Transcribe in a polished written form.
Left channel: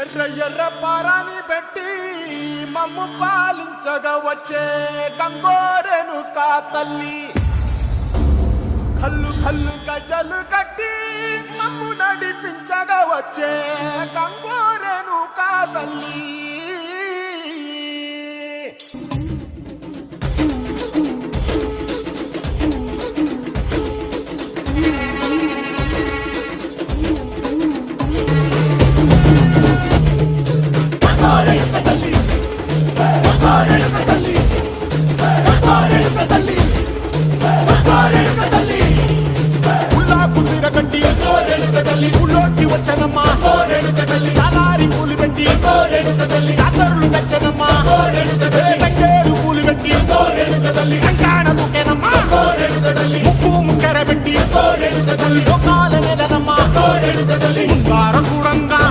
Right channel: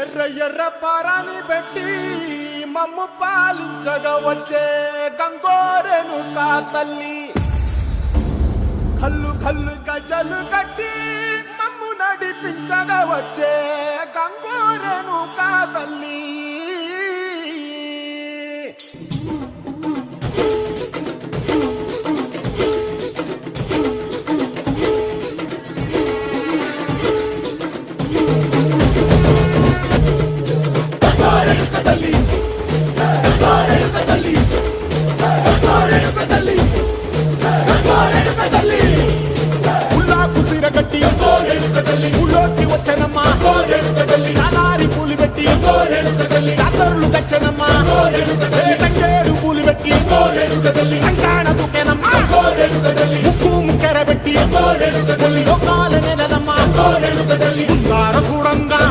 ఎర్ర ఎర్ర పారాని పెట్టి మమ్ము పాలించగా వచ్చే గంగోరెను కా తల్లి కల్లు కల్లు గజలు కట్టి మమ్ము నడిపించగా వచ్చే గంగోరెను కా తల్లి కుసిరగట్టి ఊళ్ళోకి వచ్చనమ్మా చాలారి పూలు పెట్టి జాతరులు తెచ్చనమ్మా తంగేరు పూలు పెట్టి కంకాణ దూకేనమ్మా ముక్కు ముక్కెర పెట్టి ముల్లోకాల నెలనమ్మా ముందార చూడంగా